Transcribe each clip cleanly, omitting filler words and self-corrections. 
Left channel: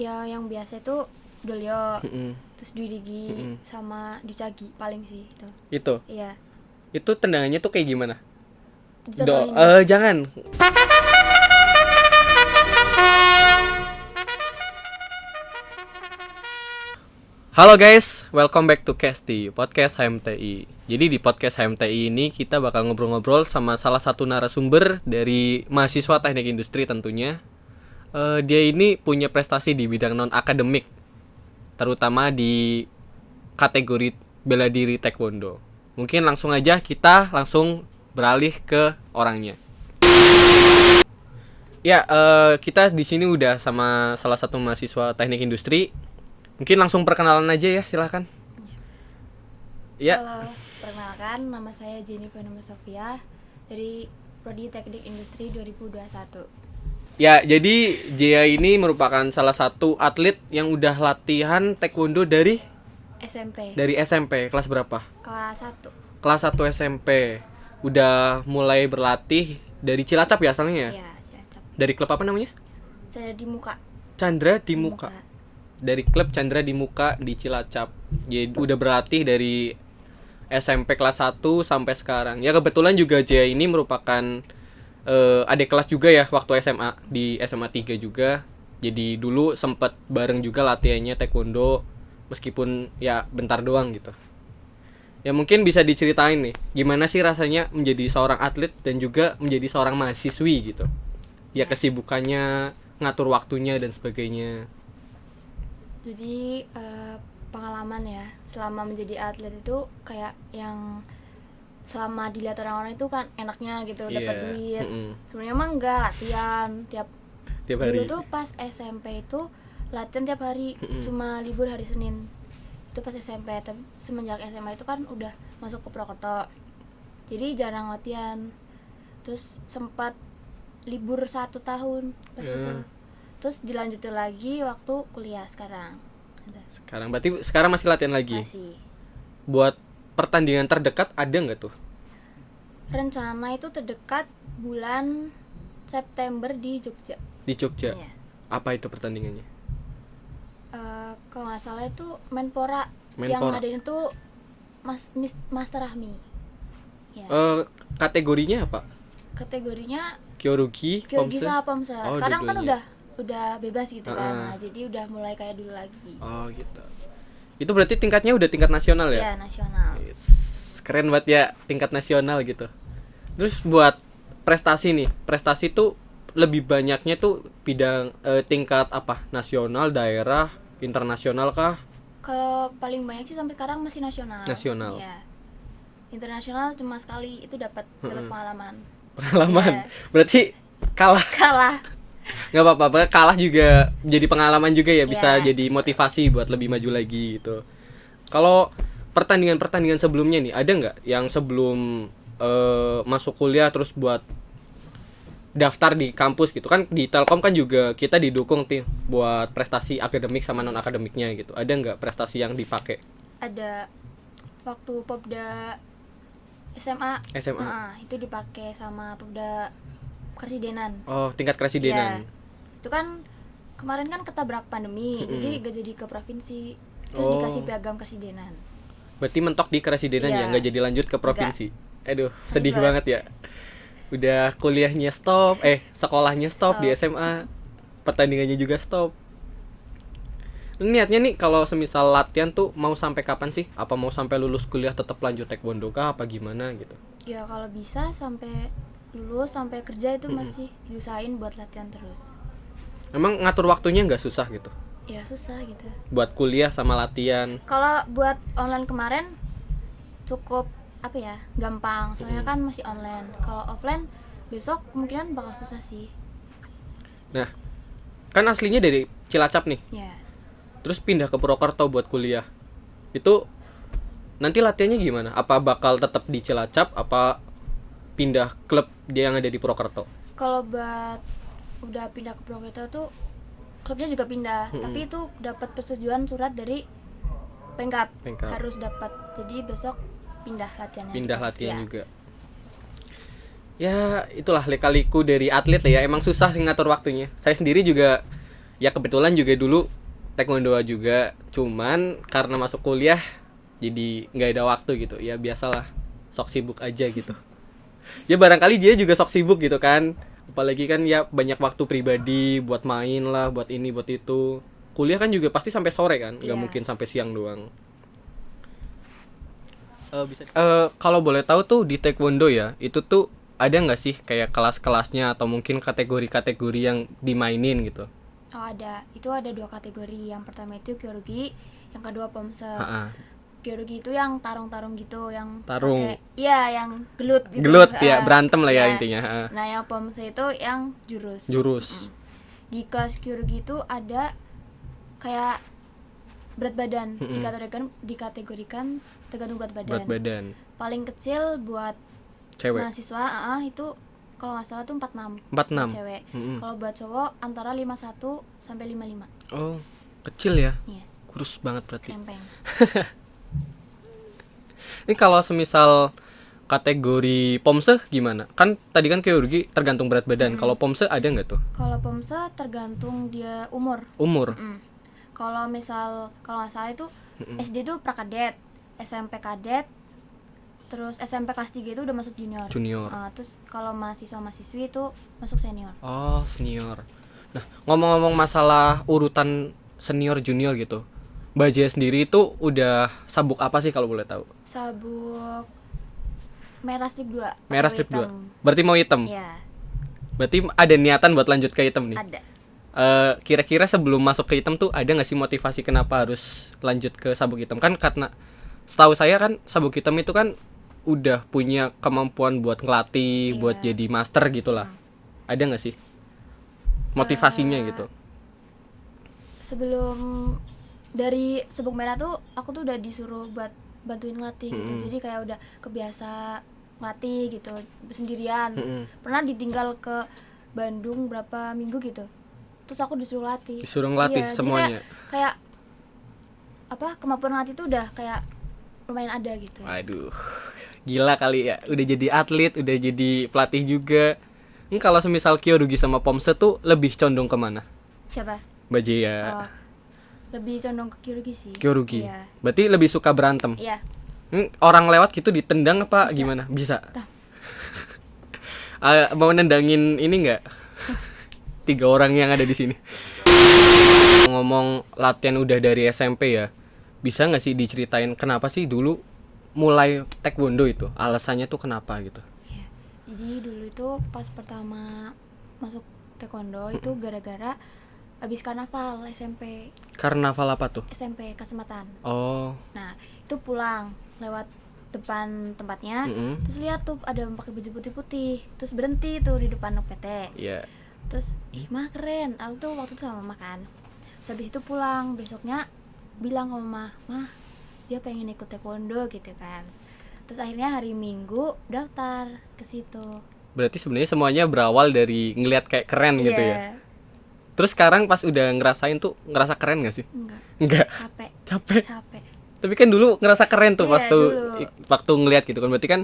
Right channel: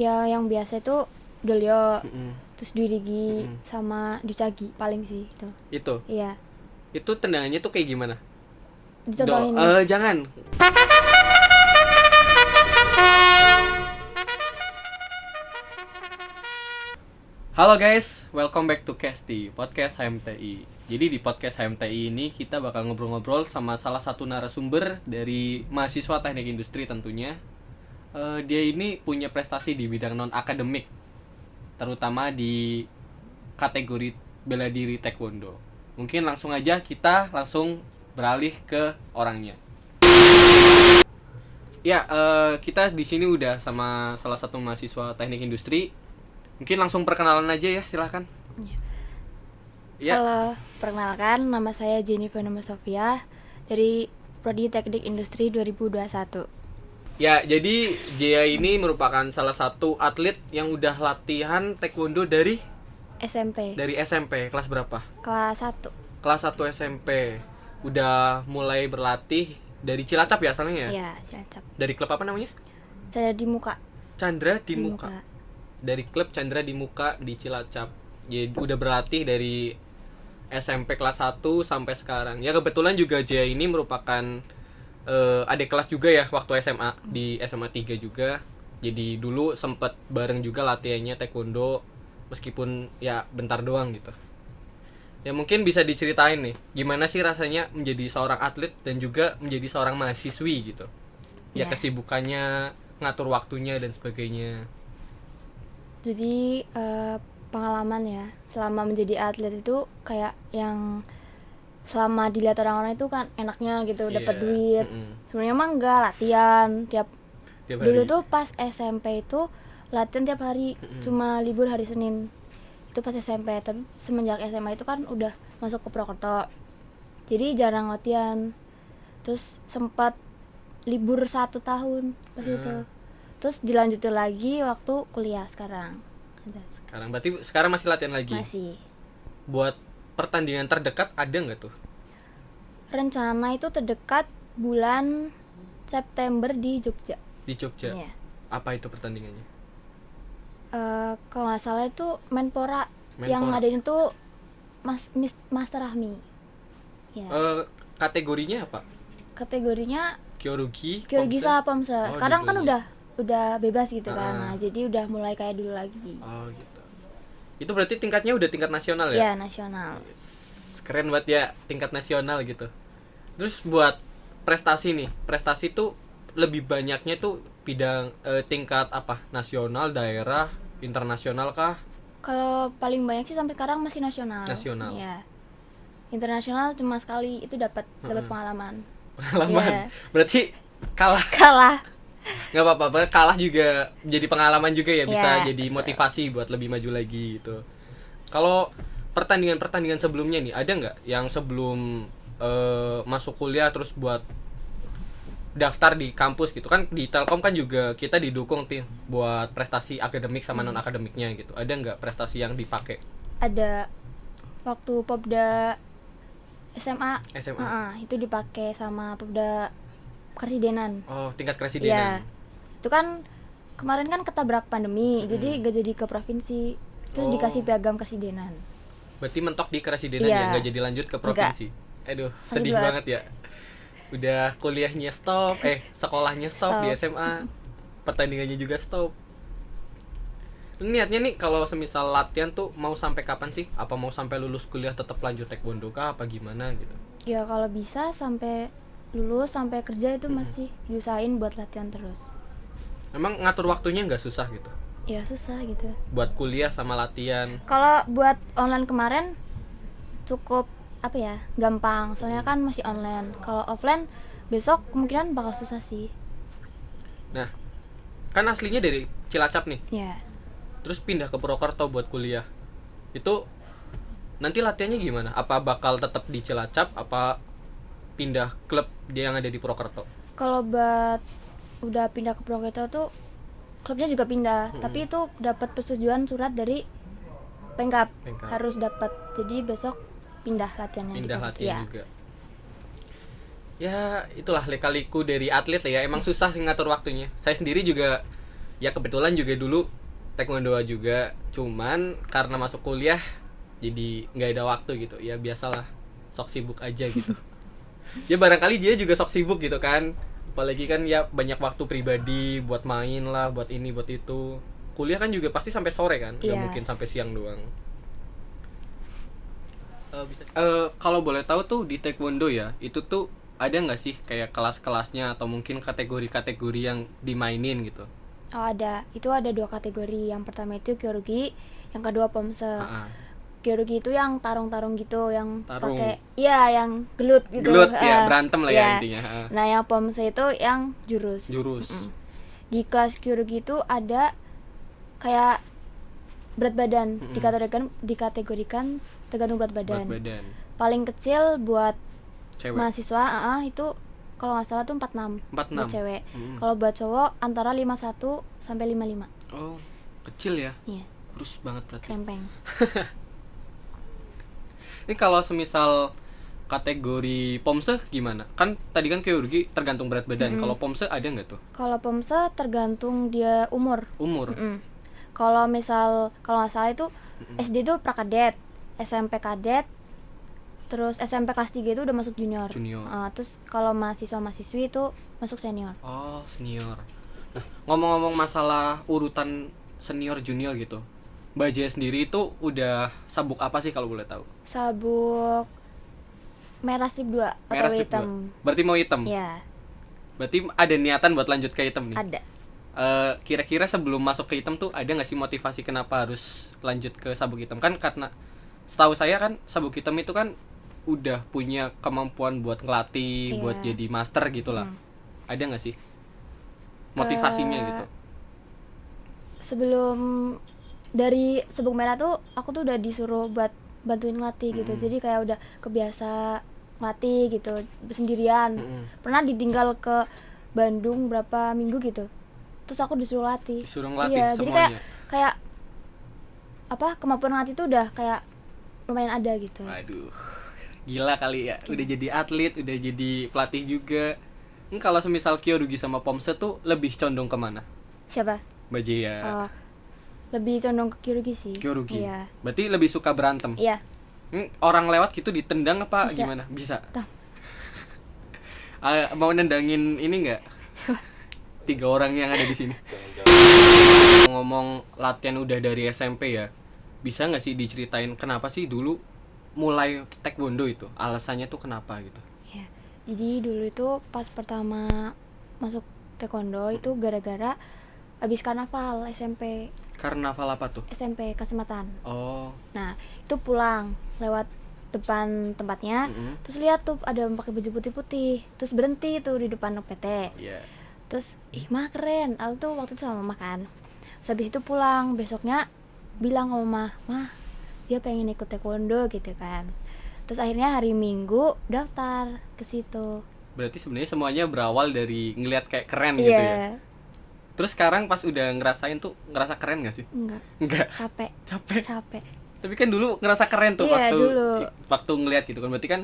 Ya yang biasa itu Dolio, Mm-mm. terus Dwi Rigi Mm-mm. sama Ducagi paling sih itu. Itu. Iya, Itu tendangannya tuh kayak gimana? dicontohin nih. Jangan. Halo guys, welcome back to Kesti, podcast HMTI. Jadi di podcast HMTI ini kita bakal ngobrol-ngobrol sama salah satu narasumber dari mahasiswa teknik industri tentunya. Dia ini punya prestasi di bidang non-akademik, terutama di kategori bela diri taekwondo. Mungkin langsung aja kita langsung beralih ke orangnya. Ya, kita di sini udah sama salah satu mahasiswa teknik industri. Mungkin langsung perkenalan aja ya, silahkan. Ya, Halo, perkenalkan nama saya Jennifer Nama Sofia dari Prodi Teknik Industri 2021. ya jadi Jia ini merupakan salah satu atlet yang udah latihan taekwondo dari SMP SMP. Kelas berapa? kelas 1. Kelas 1 SMP. Udah mulai berlatih dari Cilacap ya asalnya ya? Iya, Cilacap. Dari klub apa namanya? Saya di muka. Chandra di Muka. Dari klub Chandra di Muka di Cilacap. Jadi udah berlatih dari SMP kelas 1 sampai sekarang. Ya kebetulan juga Jaya ini merupakan adik kelas juga ya waktu SMA di SMA 3 juga. Jadi dulu sempet bareng juga latihannya taekwondo meskipun ya bentar doang gitu. Ya mungkin bisa diceritain nih gimana sih rasanya menjadi seorang atlet dan juga menjadi seorang mahasiswi gitu. Ya kesibukannya, ngatur waktunya dan sebagainya. Jadi pengalaman ya selama menjadi atlet itu kayak yang selama dilihat orang-orang itu kan enaknya gitu, dapat Iya, duit. mm-mm. Sebenarnya mah enggak, latihan tiap Tiap dulu hari. tuh pas SMP itu latihan tiap hari, cuma libur hari Senin. Itu pas SMP, tapi semenjak SMA itu kan udah masuk ke Prokerto. Jadi jarang latihan. Terus sempat libur 1 tahun waktu itu. Terus dilanjutin lagi waktu kuliah sekarang. Sekarang masih latihan lagi. Masih. Buat pertandingan terdekat ada nggak tuh? Rencana itu terdekat bulan September di Jogja. Di Jogja. Iya. Apa itu pertandingannya? Kalau nggak salah itu Menpora. Yang Menpora. ngadain itu Master Rahmi. Ya. Kategorinya apa? Kategorinya Kyorugi, Kyrgyz Pomse? sama Pomse. Oh, Sekarang kan dua-duanya. udah bebas gitu kan. Nah, jadi udah mulai kayak dulu lagi. Oh gitu. Itu berarti tingkatnya udah tingkat nasional ya? Ya, nasional. Yes. Keren banget ya tingkat nasional gitu. Terus buat prestasi nih, prestasi tuh lebih banyaknya tuh bidang tingkat apa? Nasional, daerah, internasional kah? Kalau paling banyak sih sampai sekarang masih nasional. Nasional. Iya. Internasional cuma sekali, itu dapat pengalaman. Pengalaman. Iya. Berarti kalah. Kalah. Nggak apa-apa, kalah juga jadi pengalaman juga ya, bisa Iya. jadi motivasi buat lebih maju lagi gitu. Kalau pertandingan sebelumnya nih ada nggak yang sebelum masuk kuliah terus buat daftar di kampus gitu kan, di Telkom kan juga kita didukung tuh buat prestasi akademik sama non akademiknya gitu. Ada nggak prestasi yang dipakai? Ada waktu Popda SMA. SMA. Itu dipakai sama Popda Karsidenan. Oh, tingkat Iya. kresidenan. Itu kan kemarin kan ketabrak pandemi, jadi gak jadi ke provinsi. Terus Oh. dikasih piagam Karsidenan. Berarti mentok di kresidenan Iya. ya, nggak jadi lanjut ke provinsi. Aduh, sedih Alhamdulillah. banget ya. Udah kuliahnya stop, sekolahnya stop di SMA, pertandingannya juga stop. Niatnya nih kalau semisal latihan tuh mau sampai kapan sih? Apa mau sampai lulus kuliah tetap lanjut taekwondo kah? Apa gimana gitu? Ya kalau bisa sampai lulus, sampai kerja itu masih diusahain buat latihan terus. Emang ngatur waktunya nggak susah gitu? Ya susah gitu. Buat kuliah sama latihan. Kalau buat online kemarin cukup apa ya, gampang, soalnya kan masih online. Kalau offline besok kemungkinan bakal susah sih. Nah, kan aslinya dari Cilacap nih. Ya. Terus pindah ke Purwokerto buat kuliah. Itu nanti latihannya gimana? Apa bakal tetap di Cilacap? Apa pindah klub dia yang ada di Purwokerto? Kalau buat udah pindah ke Purwokerto tuh klubnya juga pindah, tapi itu dapat persetujuan surat dari Pengkap. Harus dapat. Jadi besok pindah latihannya. Pindah gitu. latihan Ya. juga. Ya itulah lika-liku dari atlet lah ya. Emang susah sih ngatur waktunya. Saya sendiri juga Ya kebetulan juga dulu taekwondo juga, cuman karena masuk kuliah jadi nggak ada waktu gitu. Ya biasalah, sok sibuk aja gitu. Ya barangkali dia juga sok sibuk gitu kan, apalagi kan ya banyak waktu pribadi buat main lah, buat ini buat itu. Kuliah kan juga pasti sampai sore kan, nggak Iya. mungkin sampai siang doang. Kalau boleh tahu tuh di taekwondo ya, itu tuh ada nggak sih kayak kelas-kelasnya atau mungkin kategori-kategori yang dimainin gitu? Oh ada, itu ada 2 kategori. Yang pertama itu kyorugi, yang kedua pomse. Ha-ha. Kyorugi itu yang tarung-tarung gitu, yang Tarung. pakai, iya yang gelut gitu. Gelut ya, berantem lah ya Iya. intinya. Ha. Nah yang pomse itu yang jurus. Jurus. Di kelas kyorugi itu ada kayak berat badan, dikategorikan tergantung berat badan. Berat badan. Paling kecil buat Cewek. mahasiswa itu kalau nggak salah tuh 46 46. buat cewek. Kalau buat cowok antara 51 sampai 55. Oh, kecil ya. Iya, Kurus banget berarti. krempeng. Ini kalau semisal kategori pomse gimana? Kan tadi kan kyorugi tergantung berat badan. Kalau pomse ada nggak tuh? Kalau pomse tergantung dia umur. Umur. Kalau misal kalau nggak salah itu SD itu prakadet, SMP kadet, terus SMP kelas 3 itu udah masuk junior. Terus kalau mahasiswa-mahasiswi itu masuk senior. Oh, senior. Nah, ngomong-ngomong masalah urutan senior junior gitu. Mbak Jaya sendiri itu udah sabuk apa sih kalau boleh tahu? Sabuk merah strip 2 Merah atau strip hitam. 2. Berarti mau hitam. Iya, Berarti ada niatan buat lanjut ke hitam nih. ada. Kira-kira sebelum masuk ke hitam tuh ada nggak sih motivasi kenapa harus lanjut ke sabuk hitam? Kan karena setahu saya kan sabuk hitam itu kan udah punya kemampuan buat ngelatih, buat jadi master gitulah. Ada nggak sih motivasinya gitu? Sebelum dari sabuk merah tuh aku tuh udah disuruh buat bantuin ngelatih gitu. Jadi kayak udah kebiasa ngelatih gitu sendirian. Pernah ditinggal ke Bandung berapa minggu gitu. Terus aku disuruh latih. Disuruh ngelatih Iya, semuanya. Jadi kayak apa kemampuan ngelatih tuh udah kayak lumayan ada gitu. Waduh, gila kali ya. Udah jadi atlet, udah jadi pelatih juga. Ini kalau semisal kyorugi sama pomse tuh lebih condong kemana? Siapa? Mbak Jaya. Lebih condong ke kyorugi sih. Kyorugi. Iya. Berarti lebih suka berantem. Iya. Orang lewat gitu ditendang apa Bisa. gimana? Bisa. Tuh. Mau nendangin ini enggak? 3 orang yang ada di sini. Ngomong latihan udah dari SMP ya. Bisa nggak sih diceritain kenapa sih dulu mulai taekwondo itu? Alasannya tuh kenapa gitu? Ya, jadi dulu itu pas pertama masuk taekwondo itu gara-gara habis karnaval SMP Karnaval apa tuh? Kasematan. Oh, Nah itu pulang lewat depan tempatnya, terus lihat tuh ada yang pakai baju putih-putih, terus berhenti tuh di depan PT. iya. Terus mah keren, aku tuh waktu itu sama mama kan. Terus habis itu pulang besoknya bilang sama mah dia pengen ikut taekwondo gitu kan. Terus akhirnya hari Minggu daftar ke situ. Berarti sebenarnya semuanya berawal dari ngelihat kayak keren gitu ya. Iya. Terus sekarang pas udah ngerasain tuh ngerasa keren gak sih? Enggak, Enggak. capek. Tapi kan dulu ngerasa keren tuh Iya, dulu. waktu ngelihat gitu kan. Berarti kan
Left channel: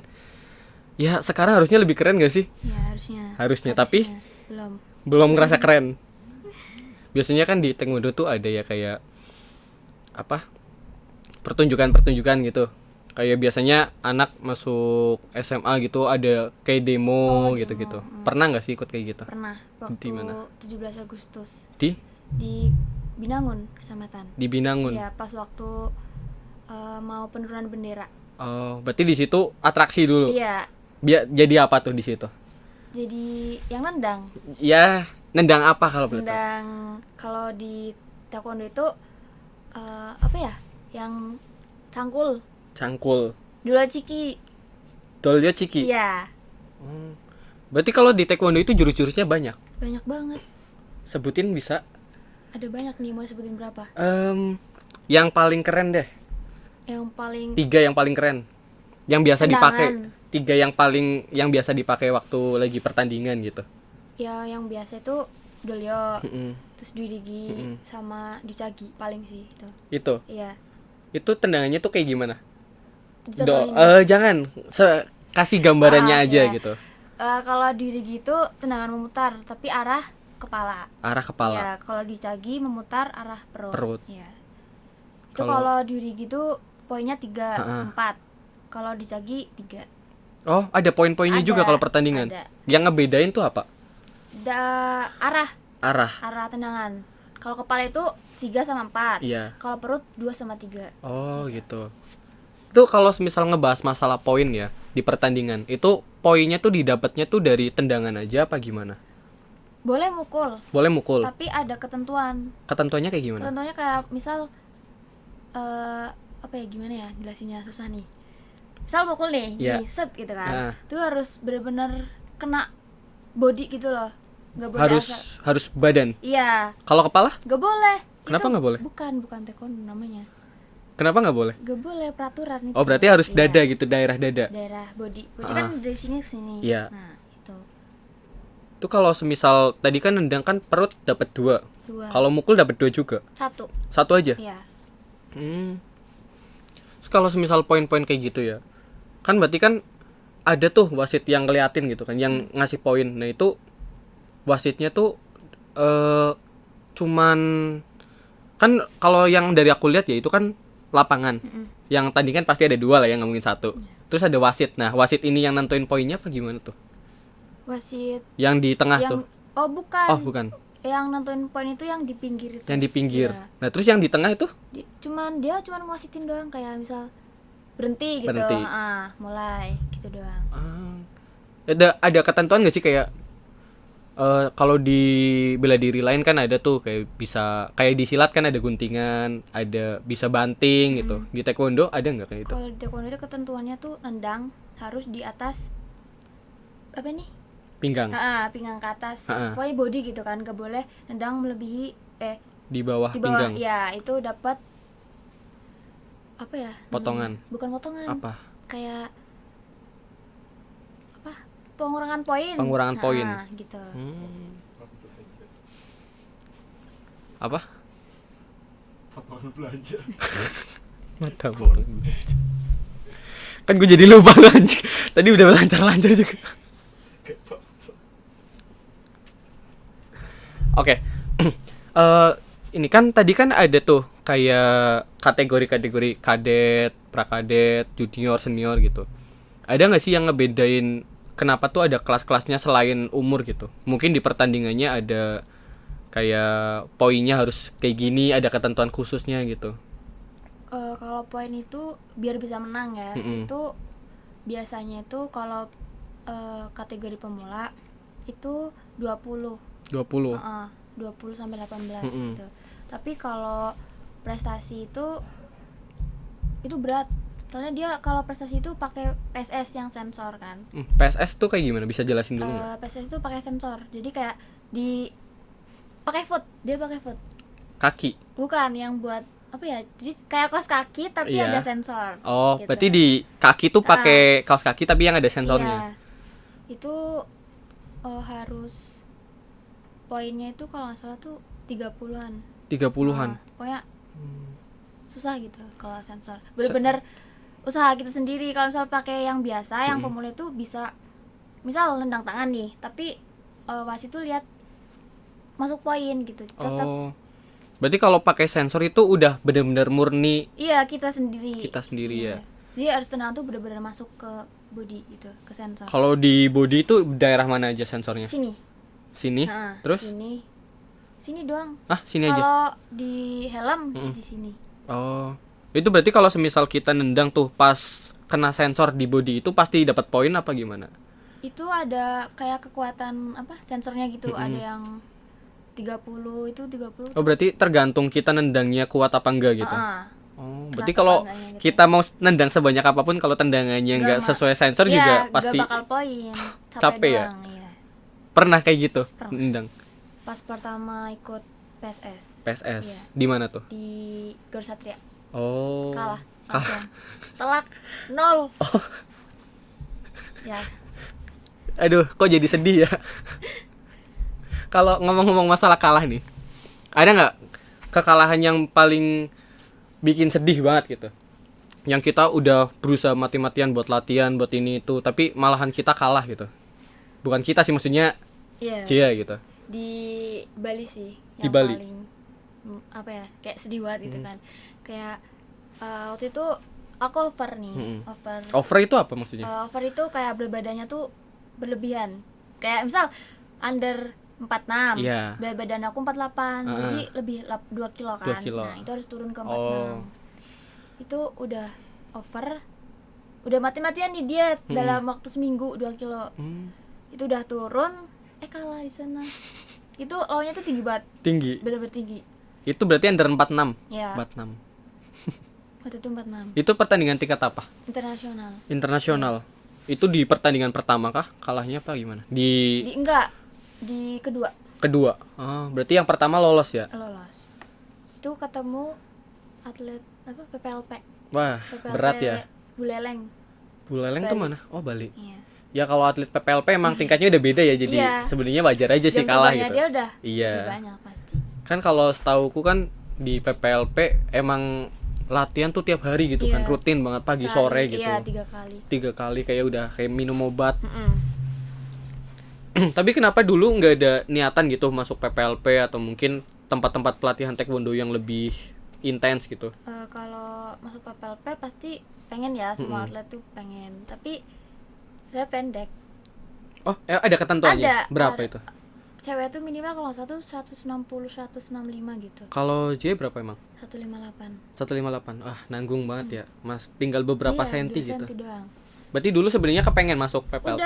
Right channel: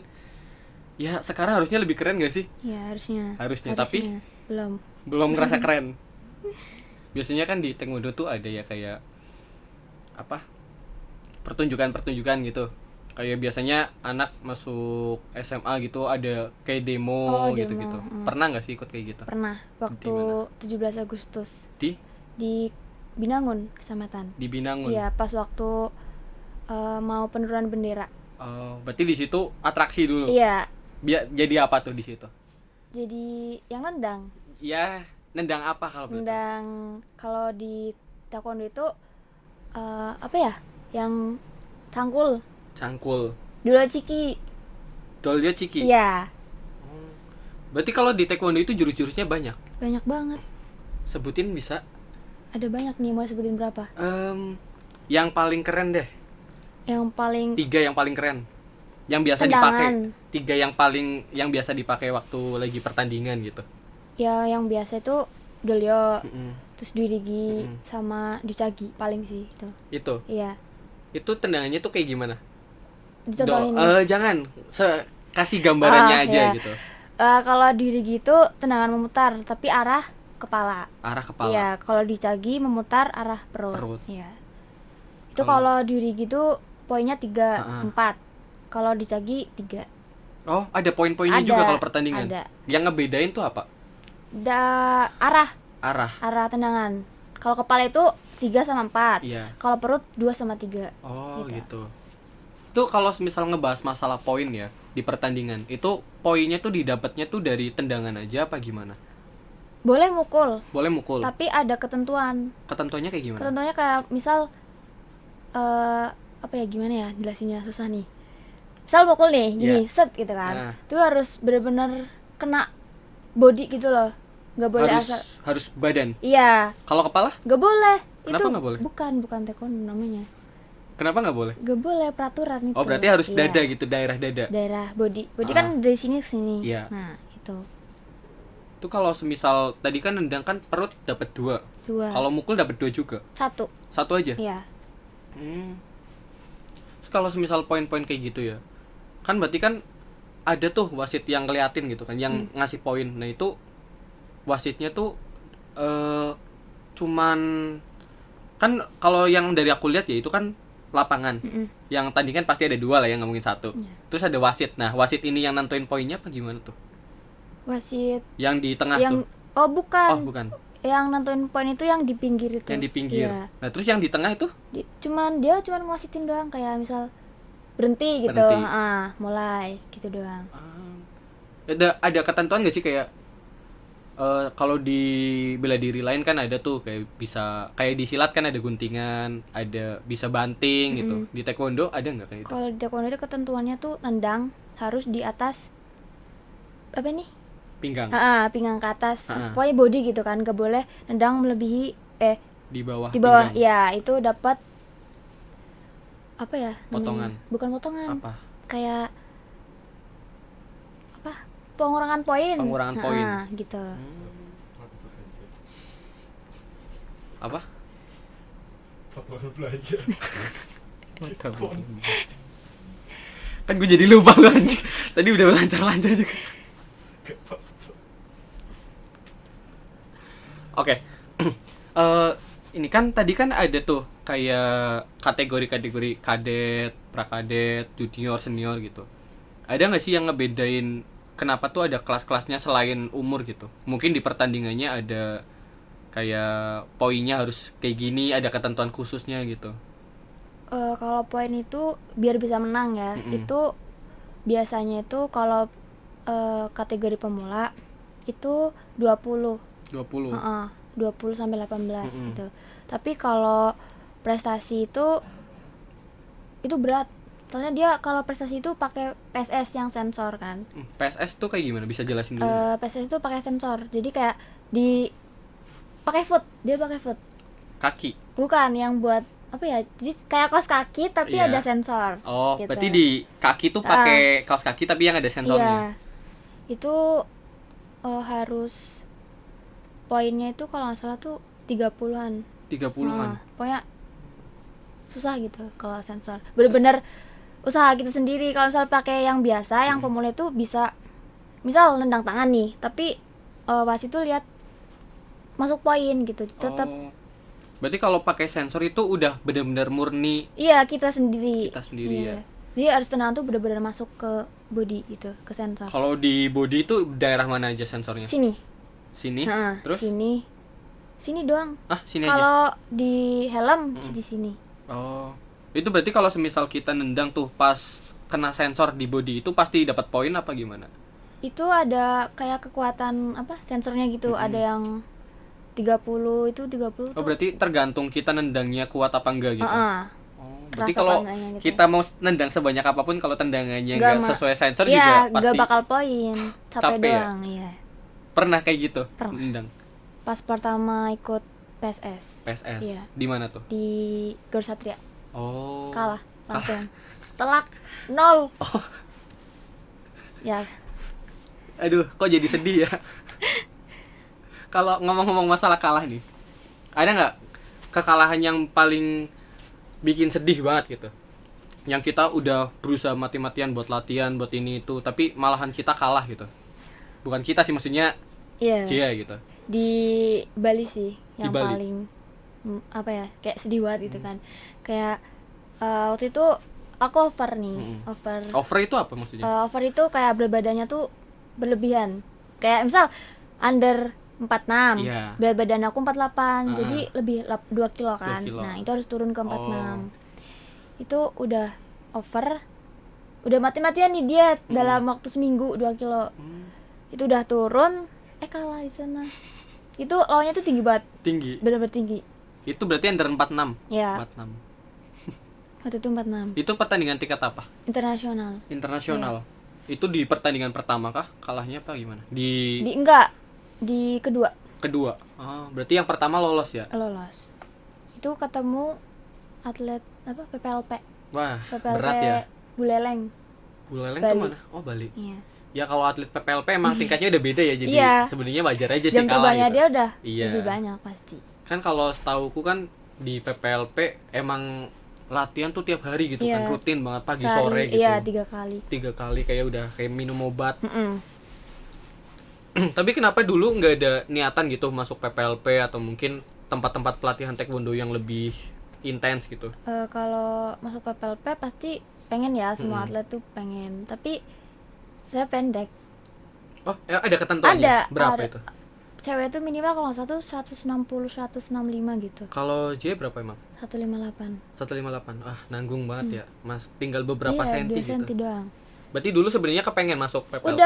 ya sekarang harusnya lebih keren gak sih? Ya harusnya. Harusnya, tapi belum ngerasa keren. Biasanya kan di taekwondo tuh ada ya kayak apa? Pertunjukan gitu. Kayak biasanya anak masuk SMA gitu ada kayak demo Oh, gitu-gitu. demo. Pernah nggak sih ikut kayak gitu? Pernah waktu Di mana? 17 Agustus Di di Binangun Kecamatan. Binangun. Iya, pas waktu mau penurunan bendera. Oh, berarti di situ atraksi dulu. Iya. Jadi apa tuh di situ? Jadi yang nendang. Ya, nendang apa kalau boleh tahu? Nendang kalau di taekwondo itu apa ya? Yang cangkul. Cangkul. Dulu ciki. Dolnya ciki. Iya. Berarti kalau di taekwondo itu jurus-jurusnya banyak. Banyak banget. Sebutin bisa. Ada banyak nih, mau sebutin berapa? Yang paling keren deh. Yang paling 3 yang paling keren. Yang biasa dipakai. 3 yang biasa dipakai waktu lagi pertandingan gitu. ya yang biasa itu dolyo, Mm-mm. terus duirigi sama ducagi paling sih itu. Itu. Iya. Itu tendangannya tuh kayak gimana? Dicontohin. Jangan. Kasih gambarannya aja iya. gitu. Kalau duirigi itu tendangan memutar tapi arah kepala. Arah kepala. Iya, kalau di Cagi memutar arah perut. Perut. Iya. Itu Kalau- kalau di Rigi itu poinnya 3, Ha-ha. 4. Kalau di Cagi 3. Oh, ada poin-poinnya Ada, juga kalau pertandingan. ada. Yang ngebedain tuh apa? Arah Arah. tendangan. Kalau kepala itu 3 sama 4. Iya. Kalau perut 2 sama 3. Oh, gitu. Itu kalau misal ngebahas masalah poin ya di pertandingan, itu poinnya tuh didapatnya tuh dari tendangan aja apa gimana? Boleh mukul, Boleh mukul. tapi ada ketentuan. Ketentuannya kayak gimana? Ketentuannya kayak misal apa ya, gimana ya jelasinnya, susah nih. Misal mukul nih, gini, Iya. set gitu kan. Ah. Itu harus benar-benar kena body gitu loh. Nggak boleh asal. Harus badan. Iya, Kalau kepala? nggak boleh. Kenapa Itu nggak boleh? Bukan taekwondo namanya. Kenapa nggak boleh? Nggak boleh, peraturan itu. Oh, berarti harus Iya. dada gitu, daerah dada. Daerah body Ah. kan dari sini ke sini. Iya. Nah itu Itu kalau semisal tadi kan nendang kan perut dapat 2. 2. Kalau mukul dapat 2 juga. 1. 1 aja. Iya. Terus kalau semisal poin-poin kayak gitu ya, kan berarti kan ada tuh wasit yang ngeliatin gitu kan, yang ngasih poin. Nah itu wasitnya tuh cuman kan kalau yang dari aku lihat ya itu kan lapangan. Yang tadi kan pasti ada 2 lah yang ngomongin 1. Terus ada wasit. Nah wasit ini yang nentuin poinnya apa gimana tuh? Wasit Yang di tengah yang tuh? oh bukan. Oh bukan. Yang nentuin poin itu yang di pinggir itu. Yang di pinggir. Iya. Nah terus yang di tengah itu? Dia cuman ngasitin doang, kayak misal berhenti gitu. Berhenti. Mulai gitu doang. Ada ketentuan gak sih kayak kalau di bela diri lain kan ada tuh kayak bisa kayak di silat kan ada guntingan, ada bisa banting gitu. Di taekwondo ada nggak kayak itu? Kalau di taekwondo itu ketentuannya tuh nendang harus di atas apa nih? Pinggang Pinggang ke atas. Ha-ha. Pokoknya body gitu kan, gak boleh nendang melebihi di bawah di bawah. pinggang. Ya, itu dapat apa ya? Potongan. namanya? Bukan potongan. Apa? Kayak apa? Pengurangan poin. Pengurangan poin. Gitu. Apa? Potongan belajar. Mantap. Kan gue jadi lupa anjing. Tadi udah lancar-lancar juga. Oke. Ini kan tadi kan ada tuh kayak kategori-kategori kadet, prakadet, junior, senior gitu. Ada nggak sih yang ngebedain kenapa tuh ada kelas-kelasnya selain umur gitu? Mungkin di pertandingannya ada kayak poinnya harus kayak gini, ada ketentuan khususnya gitu. Kalau poin itu biar bisa menang ya. Itu biasanya itu kalau kategori pemula itu 20. 20. 20 sampai 18 gitu. Tapi kalau prestasi itu berat. Soalnya dia kalau prestasi itu pakai PSS yang sensor kan. PSS tuh kayak gimana? Bisa jelasin dulu nggak? PSS itu pakai sensor. Jadi kayak dia pakai foot. Kaki. Bukan yang buat apa ya? Jadi kayak kaos kaki tapi Iya. ada sensor. Oh, gitu. berarti di kaki tuh pakai kaos kaki tapi yang ada sensornya. Iya. Itu harus poinnya itu kalau nggak salah tuh 30-an. 30-an. Nah, pokoknya susah gitu kalau sensor. Bener-bener usaha kita sendiri. Kalau misal pakai yang biasa, yang pemula itu bisa misal nendang tangan nih, tapi wasit tuh lihat masuk poin gitu. Tetap Oh. Berarti kalau pakai sensor itu udah benar-benar murni iya kita sendiri. ya. Jadi harus tenang tuh bener-bener masuk ke body gitu, ke sensor. Kalau di body itu daerah mana aja sensornya? Sini. Sini. Nah, Terus? Sini doang. Sini aja. Kalau di helm di sini. Oh. Itu berarti kalau semisal kita nendang tuh pas kena sensor di body itu pasti dapat poin apa gimana? Itu ada kayak kekuatan apa sensornya gitu. Ada yang 30 itu 30. Oh, berarti tergantung kita nendangnya kuat apa enggak gitu. Oh, berarti Kerasa kalau apa enggaknya gitu. kita mau nendang sebanyak apapun kalau tendangannya nggak sesuai sensor iya, juga pasti gak bakal poin. capek ya? doang, iya. Pernah kayak gitu Pernah. nendang Pas pertama ikut PSS PSS. Iya. Di mana tuh? di Gor Satria. Oh. Kalah langsung. Telak 0. Ya, Aduh, kok jadi sedih ya? Kalau ngomong-ngomong masalah kalah nih, ada nggak kekalahan yang paling bikin sedih banget gitu? Yang kita udah berusaha mati-matian buat latihan, buat ini itu, tapi malahan kita kalah gitu. Bukan kita sih, maksudnya iya. Cia gitu. Di Bali sih Di yang Bali. paling apa ya, kayak sedih banget gitu kan. Kayak waktu itu aku over nih, over. Over itu apa maksudnya? Over itu kayak berat badannya tuh berlebihan. Kayak misal under 46, Iya. berat badan aku 48, jadi lebih 2 kilo 2 kan. kilo. Nah, itu harus turun ke 46. Oh. Itu udah over. Udah mati-matian nih diet dalam waktu seminggu 2 kilo. Itu udah turun, kalah di sana. Itu lawannya tuh tinggi banget, Tinggi. bener-bener tinggi. Itu berarti under 46. Ya, 46. waktu itu 46. Itu pertandingan tingkat apa? Internasional. Internasional. Itu di pertandingan pertama kah? Kalahnya apa gimana? Di Enggak, di kedua kedua. Oh, berarti yang pertama lolos ya? lolos. Itu ketemu atlet apa PPLP. Wah, PPLP berat ya. Buleleng. Buleleng tuh Bali. mana? Oh, Bali. Iya. Ya kalau atlet PPLP emang tingkatnya udah beda ya, jadi Iya. sebenarnya wajar aja sih Jam kalah terbangnya gitu. dia udah Iya. lebih banyak pasti. Kan kalau setauku kan di PPLP emang latihan tuh tiap hari gitu Iya. kan, rutin banget pagi Sehari, sore gitu. Iya, 3 kali. 3 kali kayak udah kayak minum obat. Mm-mm. Tapi kenapa dulu nggak ada niatan gitu masuk PPLP atau mungkin tempat-tempat pelatihan taekwondo yang lebih intens gitu? Kalau masuk PPLP pasti pengen ya, semua atlet tuh pengen. Tapi saya pendek. Oh, ada ketentuannya? Ada, Berapa ada. itu? Cewek tuh minimal kalau satu 160 165 gitu. Kalau J berapa emang? 158. 158. Ah, nanggung banget ya. Mas tinggal beberapa Iya, senti 2 gitu. senti doang. Berarti dulu sebenarnya kepengen masuk PPLP.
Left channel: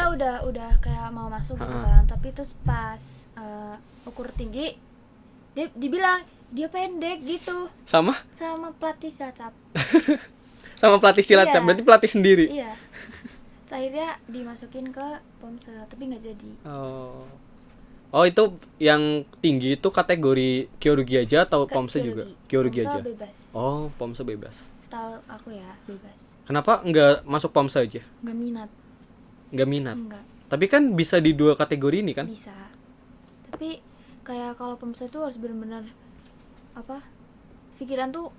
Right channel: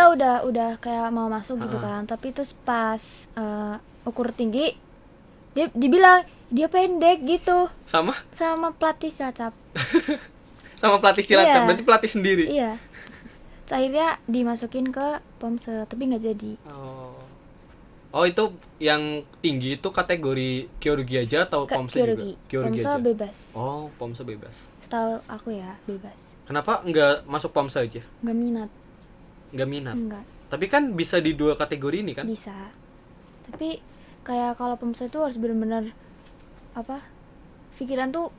Udah kayak mau masuk gitu kan. Tapi terus pas ukur tinggi dia dibilang dia pendek gitu Sama sama pelatih Cilacap. sama pelatih silat, Iya. berarti pelatih sendiri. Iya. Terus akhirnya dimasukin ke Pomse, tapi nggak jadi. Oh, itu yang tinggi itu kategori Kyorugi aja atau Ke Pomse juga? Kyorugi Pomse aja. bebas. Oh, Pomse bebas. Setahu aku ya bebas. Kenapa nggak masuk Pomse aja? Nggak minat. Nggak minat. Enggak. Tapi kan bisa di 2 kategori ini kan? Bisa. Tapi kayak kalau Pomse itu harus benar-benar apa? Pikiran tuh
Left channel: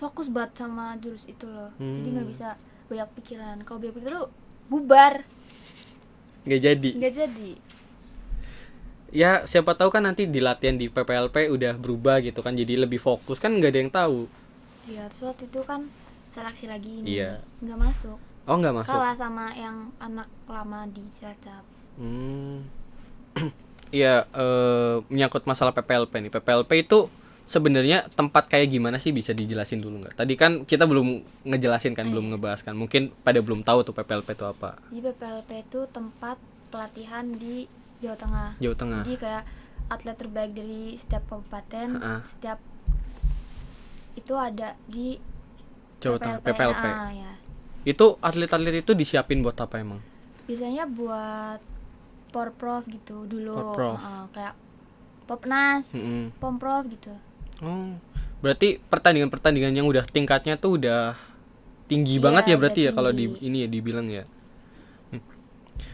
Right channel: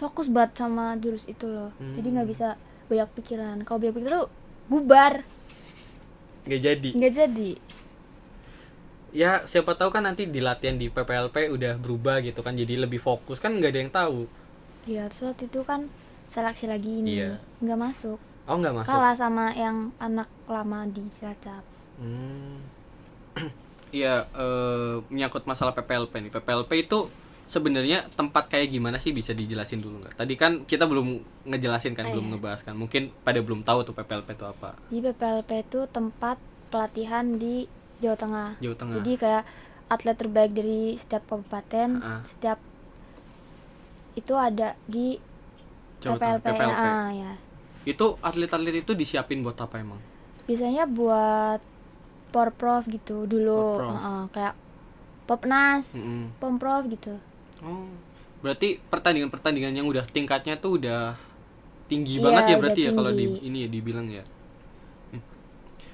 fokus banget sama jurus itu loh. Jadi nggak bisa banyak pikiran. Kalau banyak pikiran tuh bubar. Nggak jadi. Nggak jadi. Ya siapa tahu kan nanti di latihan di PPLP udah berubah gitu kan, jadi lebih fokus kan, nggak ada yang tahu. Ya, terus waktu itu kan seleksi lagi ini. Iya. Nggak masuk. Oh, nggak masuk. Kalah sama yang anak lama di Cilacap. Iya, menyangkut masalah PPLP nih. PPLP itu sebenarnya tempat kayak gimana sih, bisa dijelasin dulu nggak? Tadi kan kita belum ngejelasin kan, belum ngebahas kan. Mungkin pada belum tahu tuh PPLP itu apa. Jadi PPLP itu tempat pelatihan di Jawa Tengah. Jawa Tengah. Jadi kayak atlet terbaik dari setiap kabupaten, setiap itu ada di Jawa Tengah, PPLP. PPLP. Ya. Itu atlet-atlet itu disiapin buat apa emang? Biasanya buat Porprov gitu dulu, Porprov. kayak Popnas, Mm-mm. Pomprov gitu. Oh, berarti pertandingan-pertandingan yang udah tingkatnya tuh udah tinggi Iya, banget ya udah berarti ya kalau di tinggi. ini ya dibilang ya.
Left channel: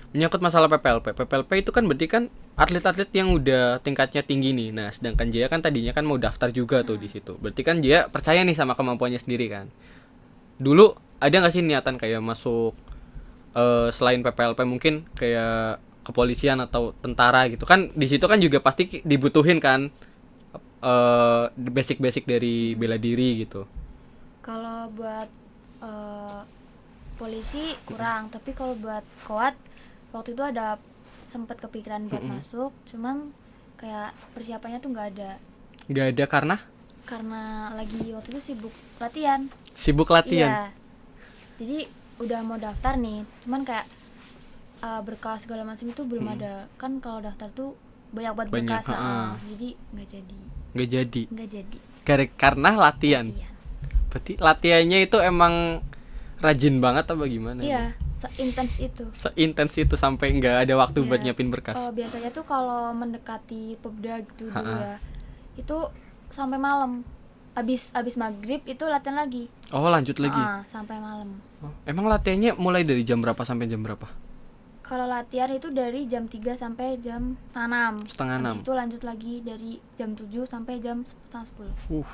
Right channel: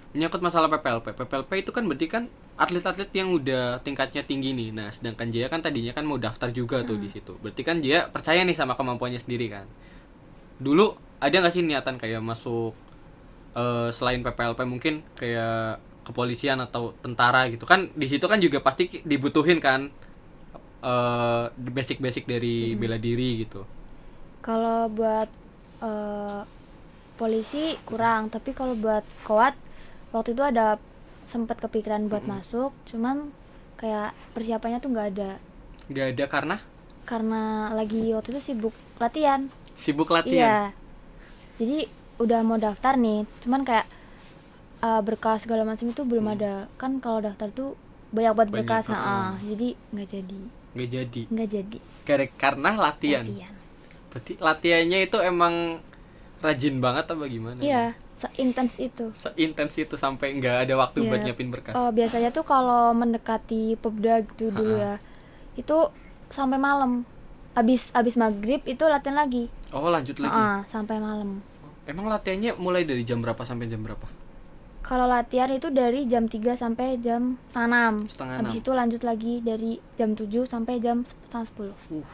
Menyangkut masalah PPLP. PPLP itu kan berarti kan atlet-atlet yang udah tingkatnya tinggi nih. Nah, sedangkan Jaya kan tadinya kan mau daftar juga tuh di situ. Berarti kan Jaya percaya nih sama kemampuannya sendiri kan. Dulu ada nggak sih niatan kayak masuk selain PPLP mungkin kayak kepolisian atau tentara gitu kan, di situ kan juga pasti dibutuhin kan basic-basic dari bela diri gitu. Kalau buat polisi kurang, tapi kalau buat koat waktu itu ada sempat kepikiran buat masuk, cuman kayak persiapannya tuh nggak ada Nggak ada karena lagi waktu itu latihan. sibuk latihan. Iya. Jadi udah mau daftar nih, cuman kayak berkas segala macam itu belum ada. Kan kalau daftar tuh banyak banget Banyak, berkas, jadi nggak jadi. Nggak jadi Nggak jadi. karena latihan. Latihan. Berarti latihannya itu emang rajin banget apa gimana? Iya, seintens itu. Seintens itu sampai nggak ada waktu Iya. buat nyiapin berkas. Biasanya tuh kalau mendekati Popda gitu dulu ya, itu sampai malam. Abis maghrib itu latihan lagi. Oh, lanjut lagi. Sampai malam. Oh, emang latihannya mulai dari jam berapa sampai jam berapa? Kalau latihan itu dari jam 3 sampai jam 6. Setengah Habis 6. itu lanjut lagi dari jam 7 sampai jam setengah 10.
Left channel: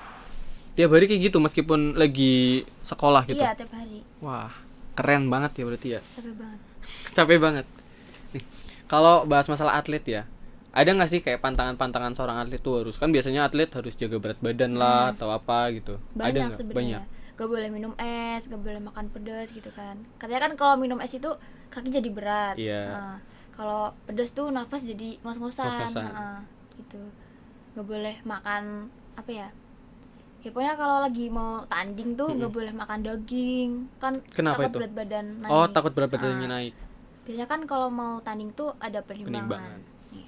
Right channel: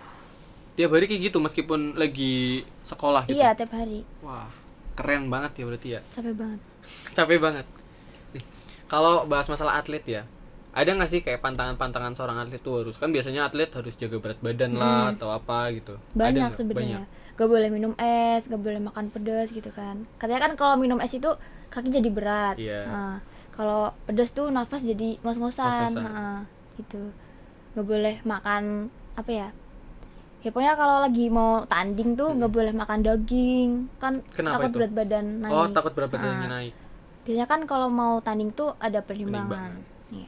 Tiap hari kayak gitu meskipun lagi sekolah gitu. Iya, tiap hari. Wah, keren banget ya berarti ya. Capek banget. Capek banget. Nih, kalau bahas masalah atlet ya, ada nggak sih kayak pantangan-pantangan seorang atlet tuh harus, kan biasanya atlet harus jaga berat badan lah atau apa gitu. Ada Banyak nggak? sebenarnya. Banyak. Gak boleh minum es, gak boleh makan pedas gitu kan. Katanya kan kalau minum es itu kaki jadi berat. Iya. Nah, kalau pedas tuh nafas jadi ngos-ngosan. Ngos-ngosan. Nah, gitu. Gak boleh makan apa ya? Ya pokoknya kalau lagi mau tanding tuh gak boleh makan daging. Kan Kenapa takut itu? berat badan naik. Oh, takut berat badannya Nah, naik. biasanya kan kalau mau tanding tuh ada pertimbangan. Pertimbangan. Iya.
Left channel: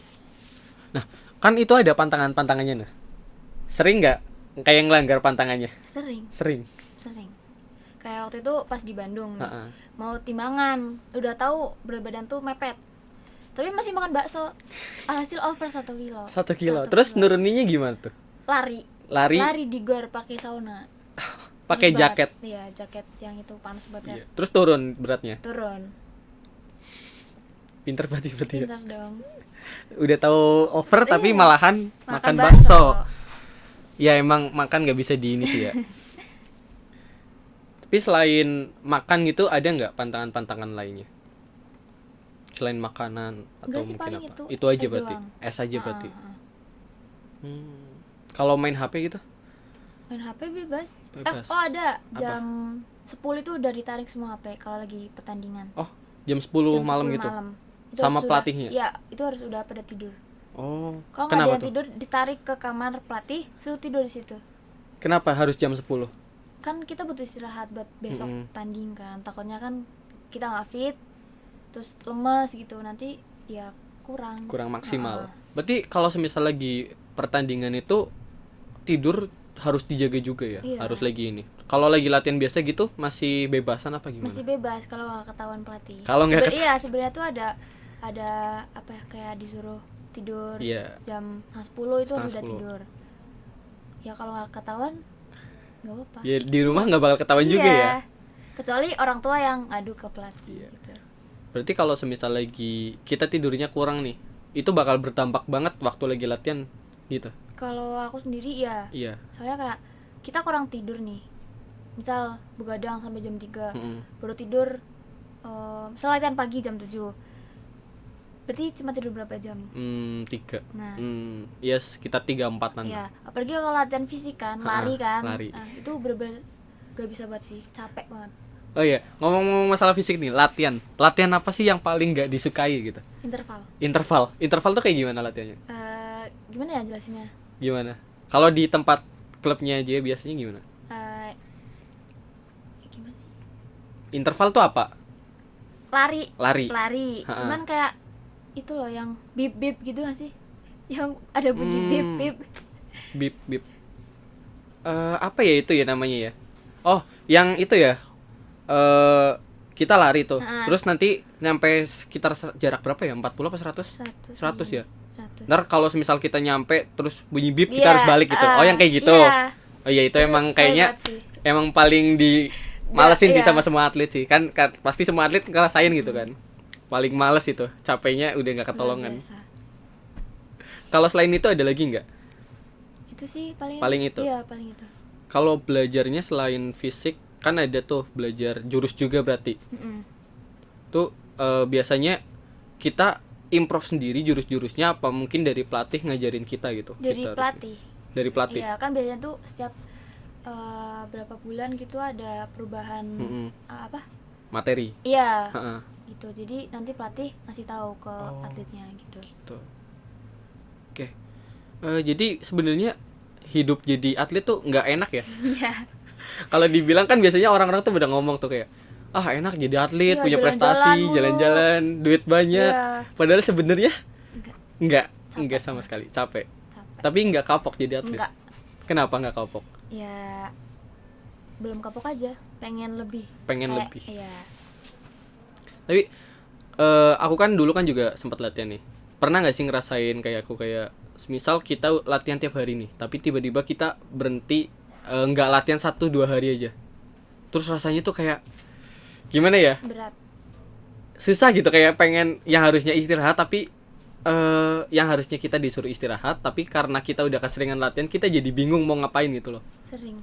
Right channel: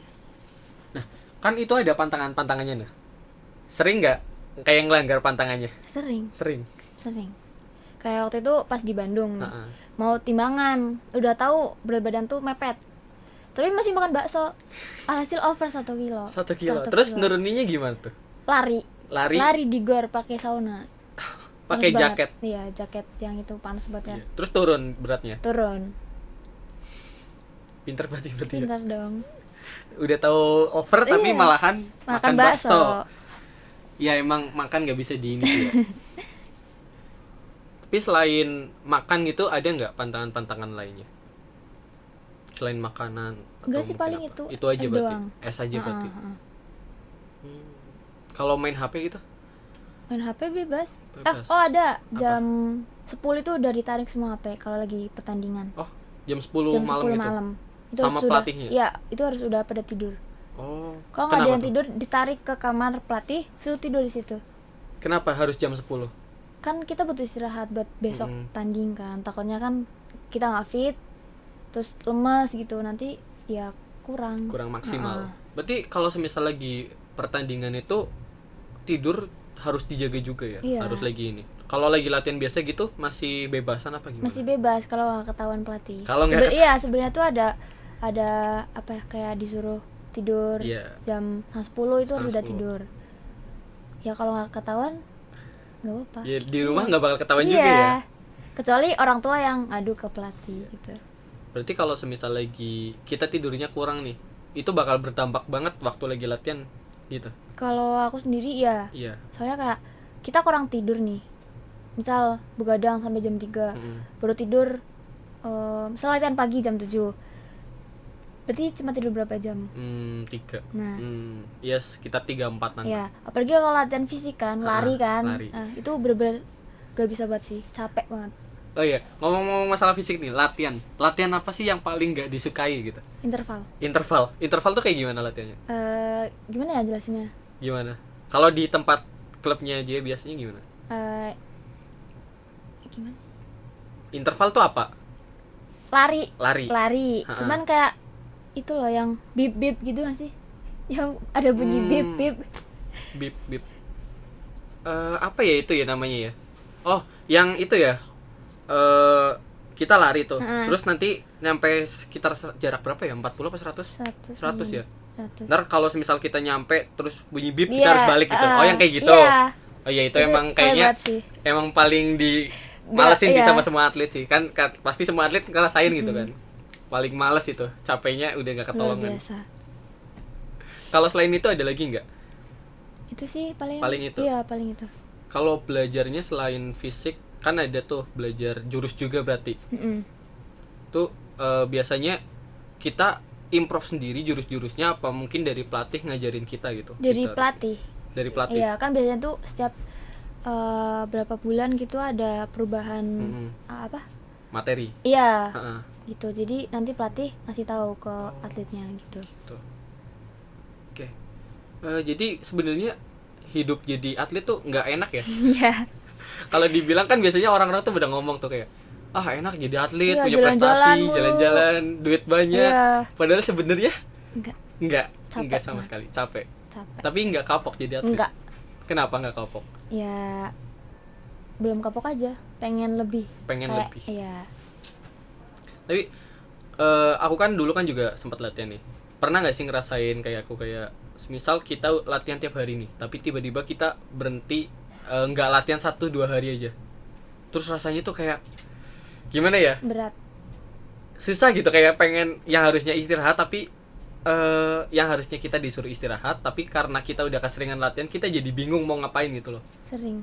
Nah, kan itu ada pantangan-pantangannya nah. Sering nggak kayak ngelanggar pantangannya? Sering. Sering. Kayak waktu itu pas di Bandung nih, Ha-ha. mau timbangan, udah tahu berat badan tuh mepet, tapi masih makan bakso, hasil over 1 kilo. 1 kilo. 1 Terus kilo. nuruninya gimana tuh? lari Lari di gor pakai sauna, pakai Panas jaket. banget. Iya, jaket yang itu panas banget kan. Iya. Terus turun beratnya. Turun, Pinter berarti ya. pintar dong. Udah tahu over tapi Iya. malahan makan bakso. bakso. Ya emang makan nggak bisa di ini sih ya. Tapi selain makan gitu ada nggak pantangan-pantangan lainnya? Selain makanan atau Enggak sih, mungkin paling apa? itu. Itu aja Es berarti. doang. Es aja berarti. Heeh, heeh. Kalau main HP gitu? Main HP bebas. Bebas. Oh ada, jam 10 itu udah ditarik semua HP kalau lagi pertandingan. Oh, jam 10 Jam malam 10 gitu. malam. Itu Sama harus pelatihnya? Iya, itu harus udah pada tidur. Oh. Kalau nggak ada Kenapa yang tuh? tidur, ditarik ke kamar pelatih, suruh tidur di situ. Kenapa harus jam 10? Kan kita butuh istirahat buat besok tanding kan. Takutnya kan kita nggak fit, terus lemes gitu, nanti ya kurang. Kurang maksimal. Heeh. Berarti kalau semisal lagi pertandingan itu tidur harus dijaga juga ya? Iya. Harus lagi ini. Kalau lagi latihan biasa gitu masih bebasan apa gimana? Masih bebas kalau nggak ketahuan pelatih. Kalau nggak Iya, sebenarnya tuh ada apa ya, kayak disuruh tidur Iya. jam 10 itu harus Setengah udah 10. tidur. Ya kalau nggak ketahuan nggak apa-apa. Ya, di rumah nggak bakal ketahuan juga ya. Kecuali orang tua yang ngadu ke pelatih gitu. Berarti kalau semisal lagi kita tidurnya kurang nih, itu bakal berdampak banget waktu lagi latihan gitu. Kalau aku sendiri ya, Iya. soalnya kayak kita kurang tidur nih. Misal begadang sampai jam 3, baru tidur misal latihan pagi jam 7. Berarti cuma tidur berapa jam? 3. Nah, Ya sekitar 3-4 nanti. ya, apalagi kalau latihan fisik kan, lari kan. lari. Nah, itu bener-bener gak bisa banget sih, capek banget. Oh iya, ngomong-ngomong masalah fisik nih, latihan. Latihan apa sih yang paling nggak disukai gitu? Interval. Interval tuh kayak gimana latihannya? Gimana ya jelasinnya? Gimana? Kalau di tempat klubnya aja biasanya gimana? Gimana sih? Interval tuh apa? Lari. Ha-ha. Cuman kayak itu loh yang bip-bip gitu gak sih? Yang ada bunyi bip-bip. Bip. Apa ya itu ya namanya ya? Oh, yang itu ya. Kita lari tuh. Ha-ha. Terus nanti nyampe sekitar jarak berapa ya? 40 apa 100? 100 ya. 100. Ntar kalau semisal kita nyampe terus bunyi bip kita Iya, harus balik gitu. Oh, yang kayak gitu. Iya. Oh iya itu emang kayaknya Hebat sih. emang paling di malesin sih Iya. sama semua atlet sih. Kan pasti semua atlet ngerasain gitu kan. Paling males itu, capeknya udah nggak Luar ketolongan. biasa. Kalau selain itu ada lagi nggak? Itu sih paling itu. Iya, paling itu. Kalau belajarnya selain fisik kan ada tuh belajar jurus juga berarti. Tuh biasanya kita improve sendiri jurus-jurusnya apa mungkin dari pelatih ngajarin kita gitu. Dari Kita harus- pelatih. Dari pelatih. Iya, kan biasanya tuh setiap berapa bulan gitu ada perubahan apa? Materi. Iya. Ha-ha. Gitu. Jadi nanti pelatih ngasih tahu ke atletnya gitu. Tuh. Oke. Jadi sebenarnya hidup jadi atlet tuh nggak enak ya. Iya. Kalau dibilang kan biasanya orang-orang tuh udah ngomong tuh kayak enak jadi atlet, Iya, punya jalan-jalan prestasi, mulu. jalan-jalan, duit banyak. Iya. Padahal sebenarnya Enggak. enggak Capek sama banget. sekali, capek. Capek. Tapi enggak kapok jadi atlet. Enggak. Kenapa enggak kapok? Ya belum kapok aja, pengen lebih. Pengen Kayak, lebih. Iya. Tapi aku kan dulu kan juga sempat latihan nih. Pernah nggak sih ngerasain kayak aku kayak misal kita latihan tiap hari nih, tapi tiba-tiba kita berhenti nggak latihan 1-2 hari aja. Terus rasanya tuh kayak gimana ya? Berat. Susah gitu kayak pengen yang harusnya istirahat tapi yang harusnya kita disuruh istirahat tapi karena kita udah keseringan latihan kita jadi bingung mau ngapain gitu loh.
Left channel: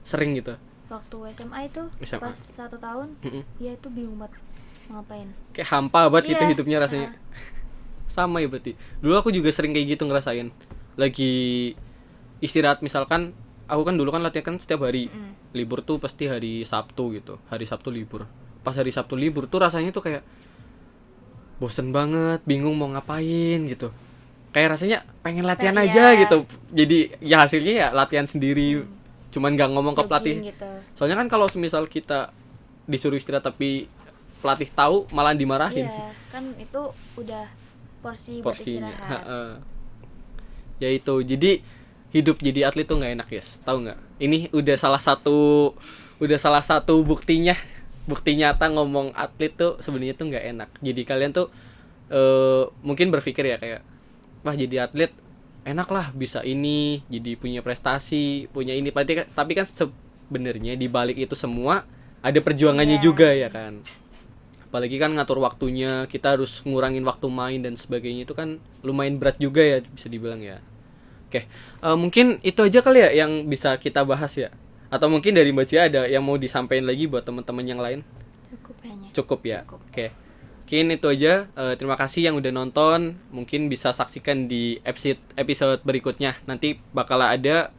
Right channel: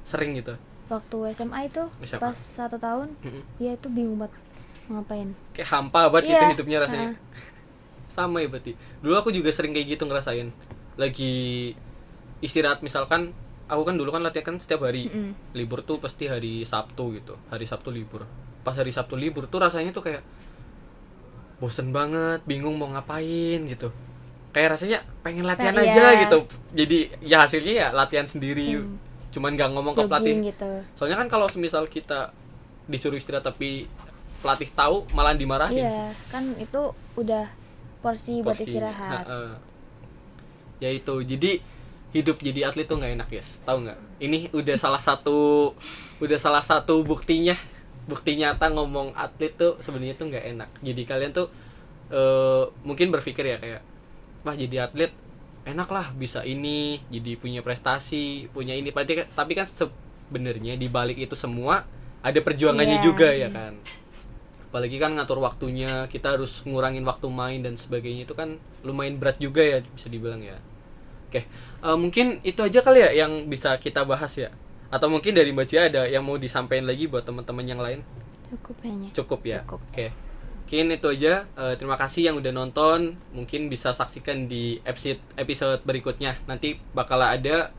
Sering gitu. Waktu SMA itu SMA. pas 1 tahun, ya itu bingung banget mau ngapain. Kayak hampa banget gitu Iya. hidupnya rasanya. Sama ya berarti. Dulu aku juga sering kayak gitu ngerasain. Lagi istirahat misalkan, aku kan dulu kan latihan kan setiap hari. Libur tuh pasti hari Sabtu gitu. Hari Sabtu libur. Pas hari Sabtu libur tuh rasanya tuh kayak bosen banget, bingung mau ngapain gitu. Kayak rasanya pengen latihan Nah, aja iya. gitu. Jadi ya hasilnya ya latihan sendiri. Cuman nggak ngomong ke pelatih. Jogging gitu. Soalnya kan kalau semisal kita disuruh istirahat tapi pelatih tahu malah dimarahin. Iya, kan itu udah porsi buat Porsinya. istirahat. Ya itu. Jadi hidup jadi atlet tuh nggak enak, guys. Tahu nggak? Ini udah salah satu buktinya. Bukti nyata ngomong atlet tuh sebenarnya tuh nggak enak. Jadi kalian tuh mungkin berpikir ya kayak, wah jadi atlet enak lah, bisa ini, jadi punya prestasi, punya ini. Tapi kan sebenarnya di balik itu semua ada perjuangannya Iya. juga ya kan. Apalagi kan ngatur waktunya, kita harus ngurangin waktu main dan sebagainya, itu kan lumayan berat juga ya bisa dibilang ya. Oke, mungkin itu aja kali ya yang bisa kita bahas ya. Atau mungkin dari Mbak Cia ada yang mau disampaikan lagi buat teman-teman yang lain? Cukup kayaknya. Cukup ya. Cukup. Oke. Mungkin itu aja. Terima kasih yang udah nonton. Mungkin bisa saksikan di episode berikutnya. Nanti bakal ada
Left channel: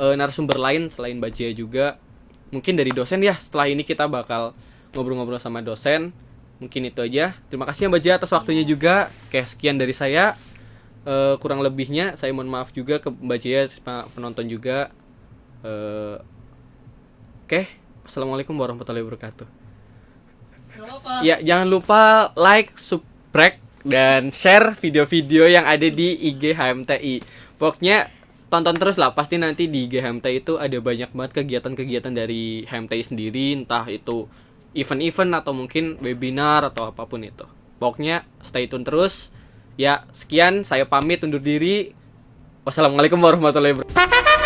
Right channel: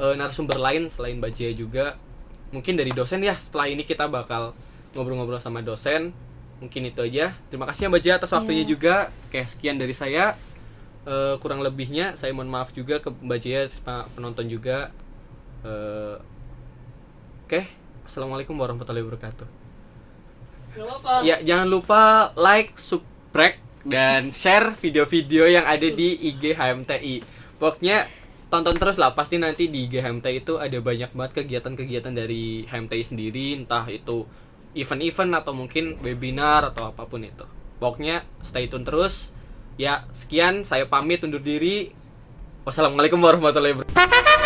narasumber lain selain Mbak Cia juga. Mungkin dari dosen ya. Setelah ini kita bakal ngobrol-ngobrol sama dosen. Mungkin itu aja. Terima kasih ya Mbak Cia atas waktunya juga. Oke, sekian dari saya. Kurang lebihnya saya mohon maaf juga ke Mbak Cia sama penonton juga. Oke. Assalamualaikum warahmatullahi wabarakatuh. Ya, jangan lupa like, subscribe, dan share video-video yang ada di IG HMTI. Pokoknya tonton terus lah, pasti nanti di IG HMTI itu ada banyak banget kegiatan-kegiatan dari HMTI sendiri, entah itu event-event atau mungkin webinar atau apapun itu. Pokoknya stay tune terus. Ya, sekian, saya pamit undur diri. Wassalamualaikum warahmatullahi wabarakatuh.